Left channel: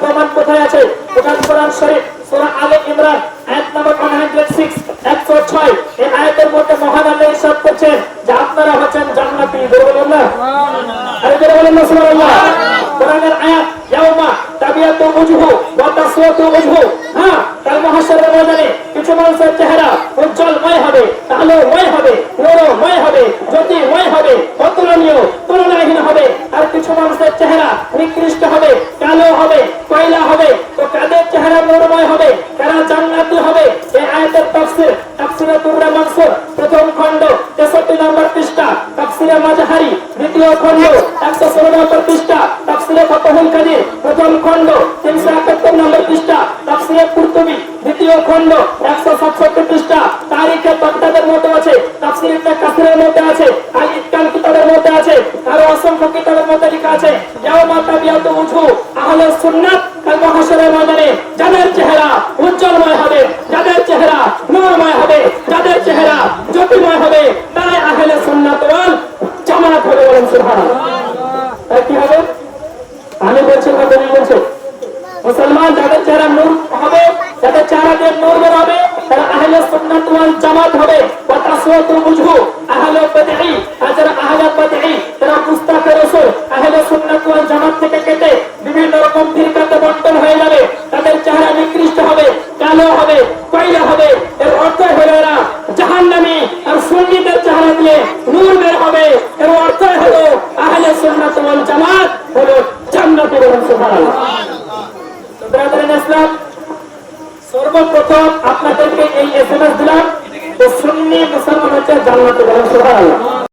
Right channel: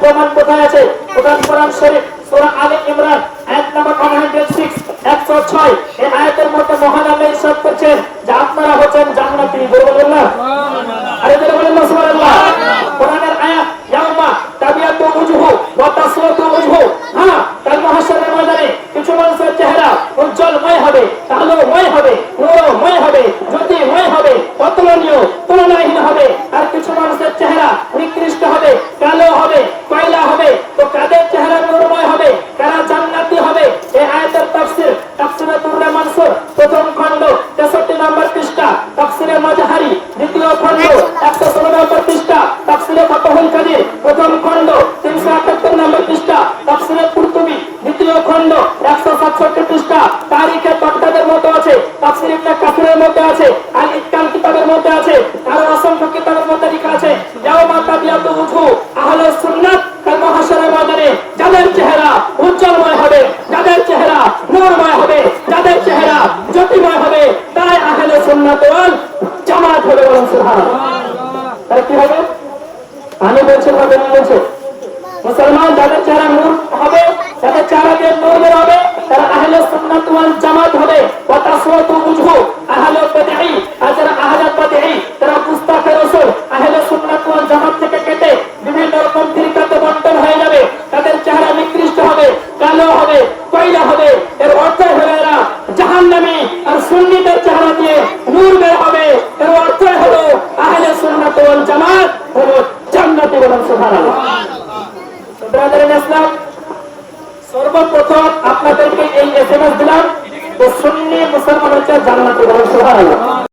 প্রমাণ কোথায় আছে? কোরআন শরীফ সূরা আলে ইমরান আয়াত নাম্বার 106 106 এই আয়াতের মধ্যে মহান আল্লাহ ইরশাদ করেছেন যে আপনারা হচ্ছেন জান্নাতি। বলুন না আরে যারা বলেন না সুবহানাল্লাহ। কোরআনের আয়াত ইয়াউমা তাবিয়াতু ওয়াজহু ওয়া তাসওয়াতু ওয়াজহু। হ্যাঁ, কাল মাহশরের ময়দানে কিছু মানুষের চেহারা উজ্জ্বলময় হবে, আলোময় হবে, নূরময় হবে, জ্যোতিময় হবে, অতুলনীয় তুলনাহীন হবে। আর কিছু মানুষের চেহারা নিকৃষ্ট হবে, কালো হবে, কয়লা হবে। তো কাদের চেহারা নূরময় হবে, কারা জান্নাতি হবে? এই আয়াতের তাফসীর তাফসীরে দুররা মানসুর প্রথম খণ্ড 63 নম্বর পৃষ্ঠা, তাফসীরে মাজহারি দ্বিতীয় খণ্ড 116 নম্বর পৃষ্ঠা, তাফসীরে ফাতহুল কাদির প্রথম খণ্ড 371 নম্বর পৃষ্ঠা, তাফসীরে কুরতুবী দ্বিতীয় খণ্ড 167 পৃষ্ঠা, তারিখে বাগদাদের মধ্যে আছে, তাফসীর ইবনে কাসিরের মধ্যে আছে, আল ইতকান কিতাবের মধ্যে আছে, আরো অসংখ্য কিতাবের মধ্যে লেখা আছে ইয়াউমা তাবিয়াতু ওয়াজহু আহলুস সুন্নাত কাল মাহশরের ময়দানে যাদের চেহারা উজ্জ্বলময় হবে, যাদের চেহারা নূরময় হবে, যাদের চেহারা জ্যোতিময় হবে, তারাই আহলে সুন্নাত ওয়াল জামাত হবে। বলেন সুবহানাল্লাহ। তাহলে কি হবে? আমি বলছি না, তুমি বলছো মুসলমান যাদের চেহারা নূর হবে, যাদের চেহারা দিয়ে নূর বের হবে, তারা আহলে সুন্নাত ওয়াল জামাত হবে। ওয়া তাসওয়াতু ওয়াজহু আহলুল বিদঈ, আর যারা আহলে বিদঈ তারা গুস্তাখে রাসূল আহলে সুন্নাত ওয়াল জামাত থেকে কেটে বিভিন্ন রকম ফিরকাতে বণ্টন হয়ে যাবে। তাদের চেহারা নিকৃষ্ট হবে, কালো হবে, কয়লা হবে। এর অর্থ হলো এরা জাহান্নামী। আর সুন্নিদের চেহারা দিয়ে নূর বের হবে, এর অর্থ হলো আহলে সুন্নাত ওয়াল জামাত হলো জান্নাতি। বলেন সুবহানাল্লাহ। ব্রাদার ইসলাম, সর্বপ্রথম আপনাদেরকে এই এসএমএস দিলাম যে সুন্নি মুসলমান হচ্ছে জান্নাতে। বলেন সুবহানাল্লাহ।